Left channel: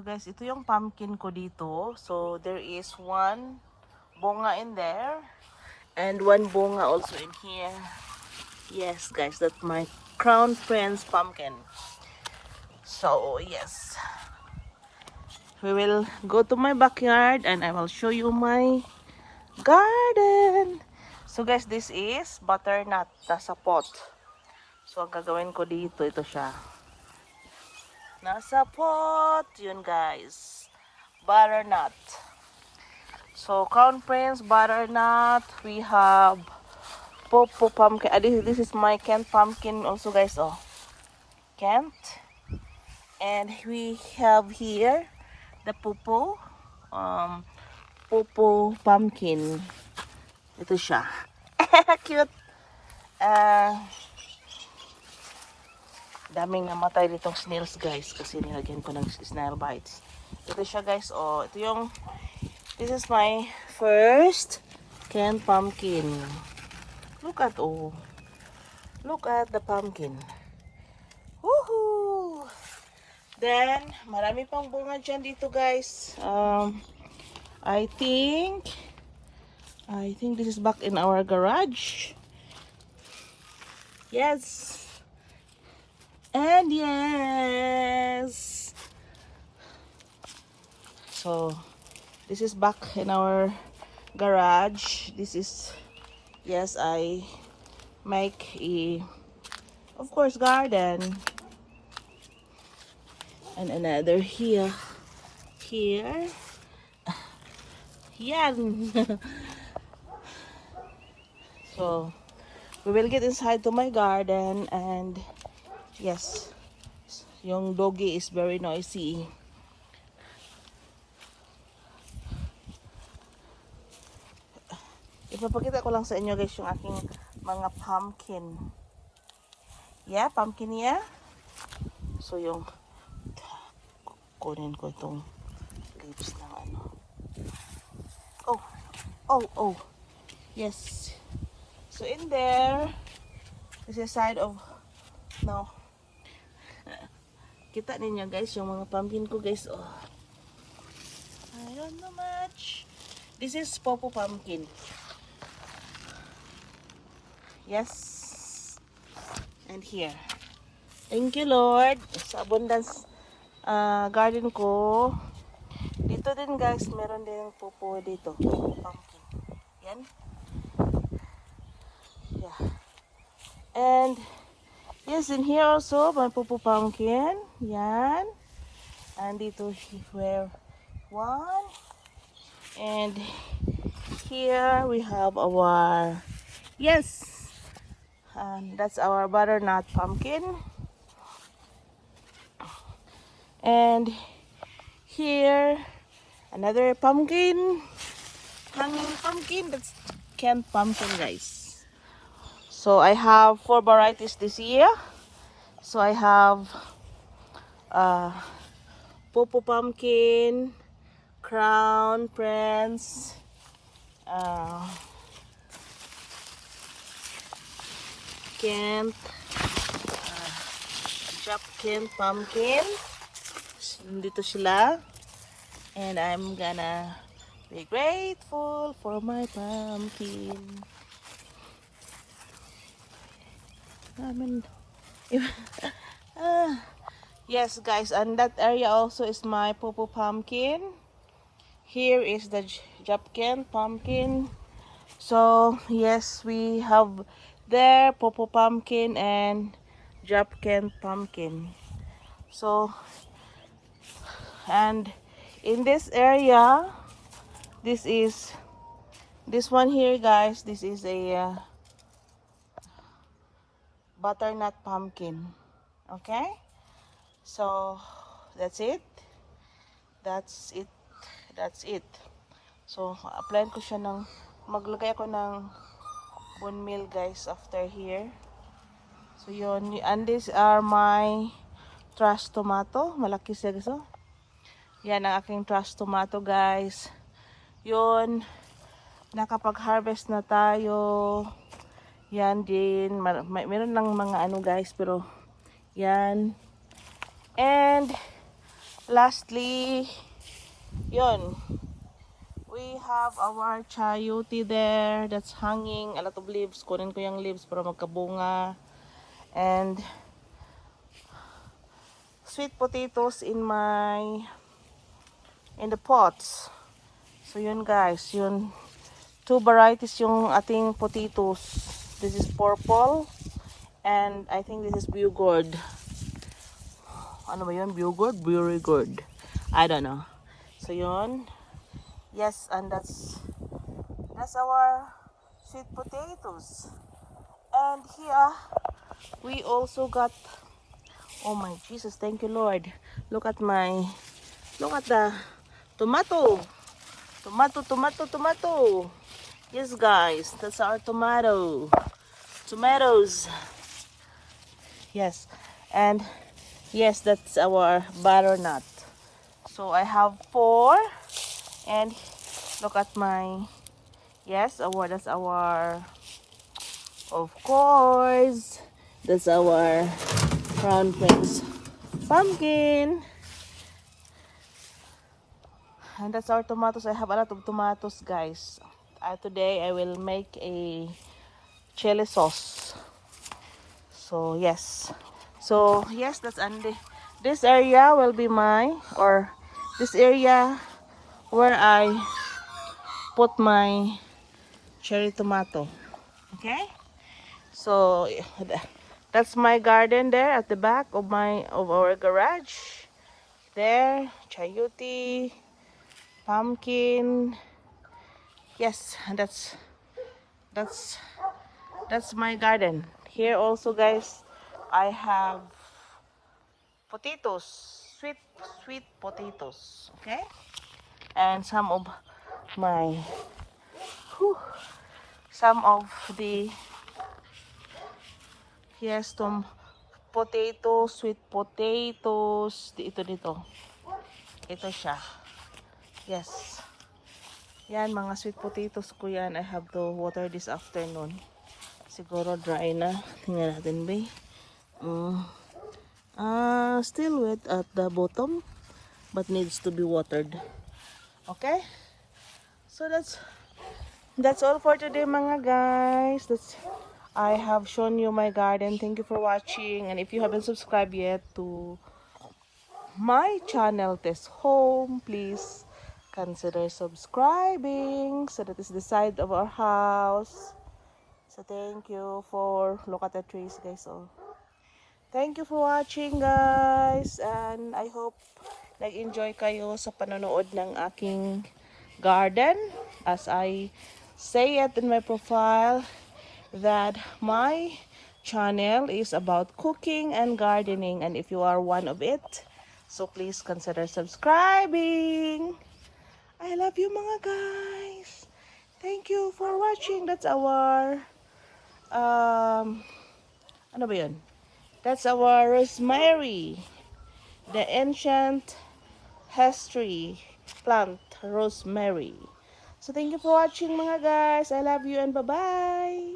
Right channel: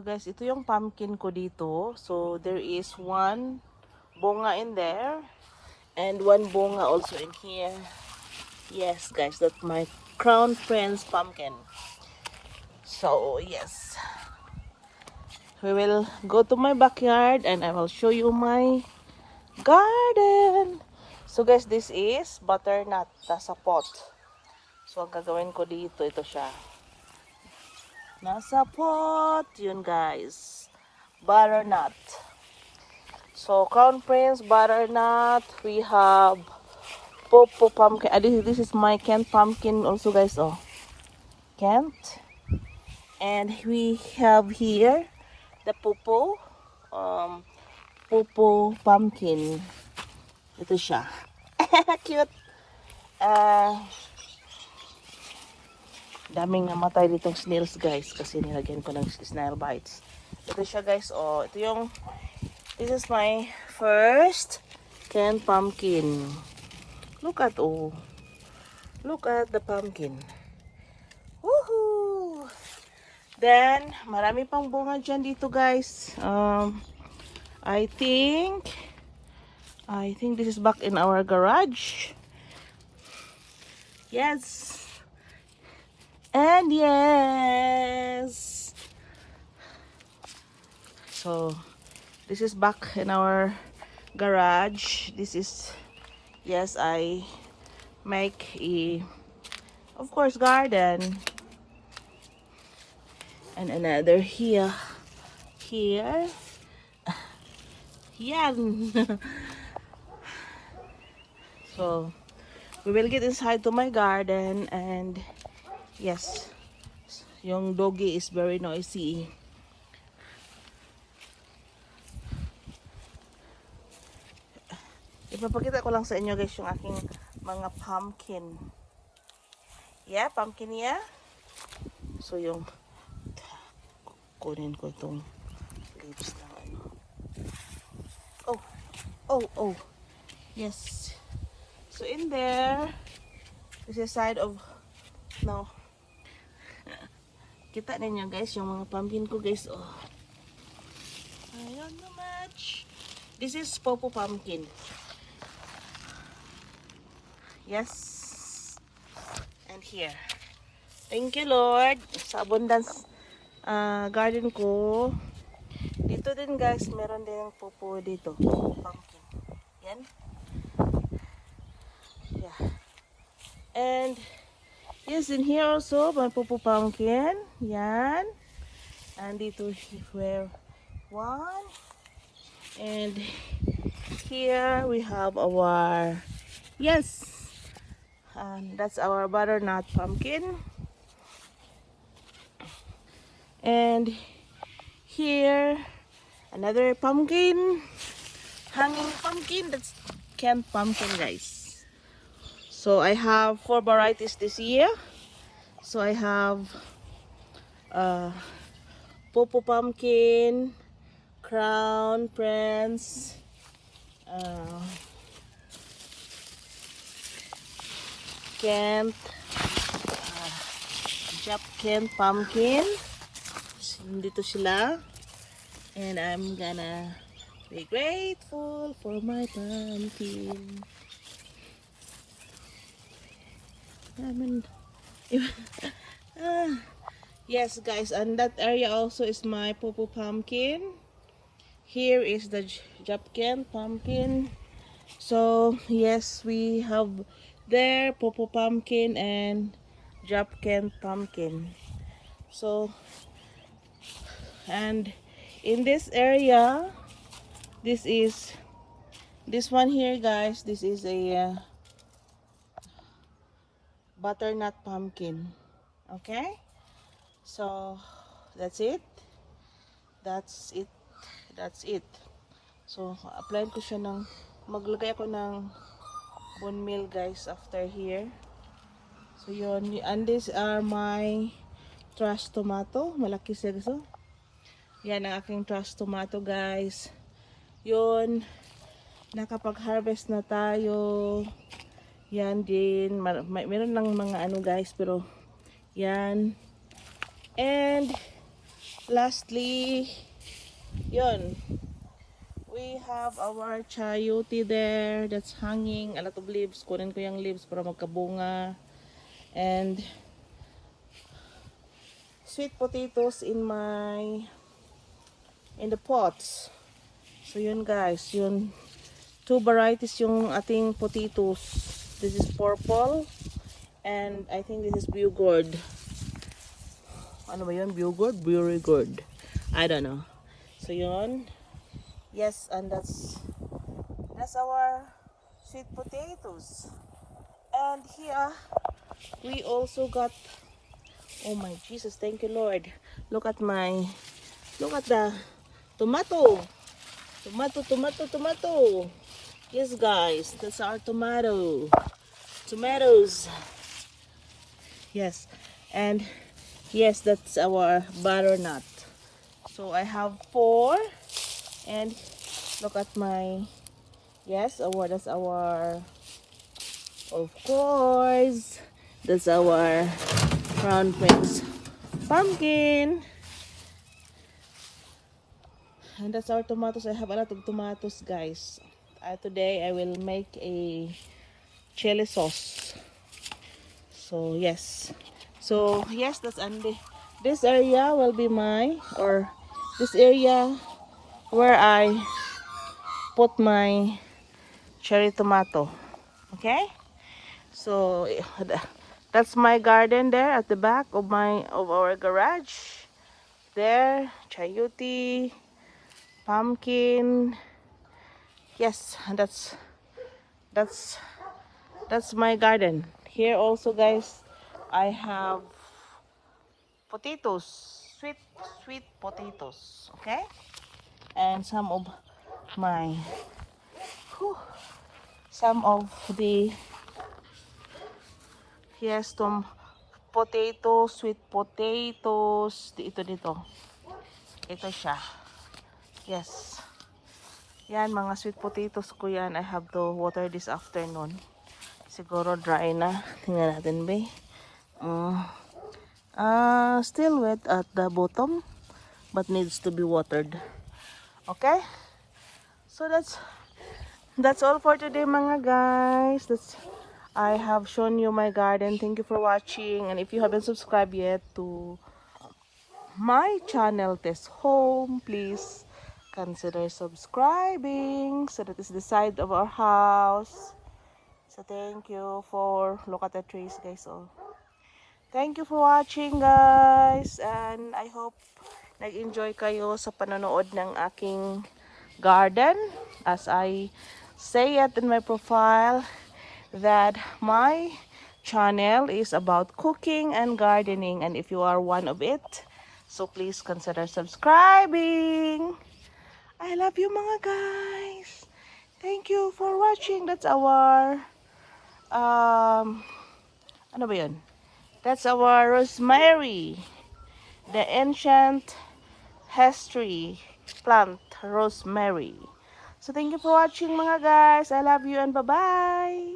Guys, ito yung pumpkin ko dito. So, there is one bunga in there. And one bunga also in here. Yes, guys, that's my Crown Prince pumpkin. So, yes. We will go to my backyard and I will show you my garden. So, guys, this is butternut. Nasa pot. So, ang gagawin ko dito, ito siya. Nasa pot. Yun, guys. Butternut. So, Crown Prince, butternut. We have Popo pumpkin. This is my Kent pumpkin also, guys. Oh, Kent. And we have here the Popo. Popo pumpkin. Ito siya. Cute. Daming namatay nitong snails, guys, kasi nilagyan ko ng snail bites. Ito siya, guys. Oh, ito yung this is my first canned pumpkin. Look at the pumpkin. Woohoo! Then marami pang bunga dyan dito, guys. I think this is back in our garage. Yes. And yes. So this is back in our garage. This is, yes, I make a, of course, garden. And another here. Yan. So we will get inside to my garden, and yes, yung doggy is very noisy. Ipapakita ko lang sa inyo, guys, yung aking mga pumpkin. Yeah, pumpkin yeah. So yung kunin ko itong leaves ng ano. Oh. Yes. So in there, this is side of, no. Kita ninyo, guys, yung mga pumpkin ko, guys. Oh, I don't know much. This is Popo pumpkin. Yes. And here. Thank you, Lord. Sa abundance garden ko. Dito din, guys, meron din Popo dito. Pumpkin. Yan. Yeah. And yes, in here also, my Popo pumpkin. Yan. And dito where one. And here we have our, yes, and that's our butternut pumpkin. And here another pumpkin, hanging pumpkin. That's canned pumpkin, guys. So I have 4 varieties this year. So I have Popo pumpkin, Crown Prince, Kent, Kent pumpkin. Dito sila. And I'm gonna be grateful for my pumpkin. Yes, guys, and that area also is my Popo pumpkin. Here is the Japken pumpkin. So yes, we have there Popo pumpkin and Japken pumpkin. So, and in this area, this one here, guys, this is a butternut pumpkin. Okay, so that's it. So apply ko siya ng, maglagay ako ng bone meal, guys, after here. So yun, and these are my trash tomato. Malaki siya, guys. Oh, yan ang aking trash tomato, guys. Yun, nakapag-harvest na tayo. Yan din, meron lang mga ano, guys, pero yan. And lastly, yun. We have our chayote there that's hanging. A lot of leaves. Kunin ko yung leaves para magkabunga. And sweet potatoes in the pots. So yun guys, yun. 2 varieties yung ating potatoes. This is purple. And I think this is Bugord. Ano ba yun? Bugord? Bugord. I don't know. So yun. Yes, and that's our sweet potatoes. And here we also got, oh my Jesus, thank you Lord. Look at the tomato. Tomato. Yes guys, that's our tomatoes. Yes, and yes, that's our butternut. So I have 4. And look at my, yes, that's our, of course, that's our Crown Prince pumpkin. And that's our tomatoes. I have a lot of tomatoes, guys. Today I will make a chili sauce. So yes, that's Andy. This area will be this area where I put my cherry tomato. Okay, so that's my garden there at the back of our garage. There, chayote, pumpkin. Yes, that's my garden. Here also, guys, I have potatoes, sweet potatoes. Okay, and some of the, yes, potatoes, sweet potatoes. Ito siya. Yes, yan, mga sweet potatoes ko yan. I have to water this afternoon. Siguro dry na. Tingnan natin, be. Still wet at the bottom, but needs to be watered. Okay, so that's all for today, mga guys. I have shown you my garden. Thank you for watching, and if you haven't subscribed yet to my channel, Tess Home, please consider subscribing. So that is the side of our house. So thank you look at the trees, guys. So thank you for watching, guys, and I hope nag-enjoy kayo sa panonood ng aking garden. As I say it in my profile, that my channel is about cooking and gardening, and if you are one of it, so please consider subscribing. I love you, mga guys. Thank you for watching. That's our ano ba yun? That's our rosemary, the ancient history plant rosemary. So thank you for watching, mga guys. I love you and bye-bye.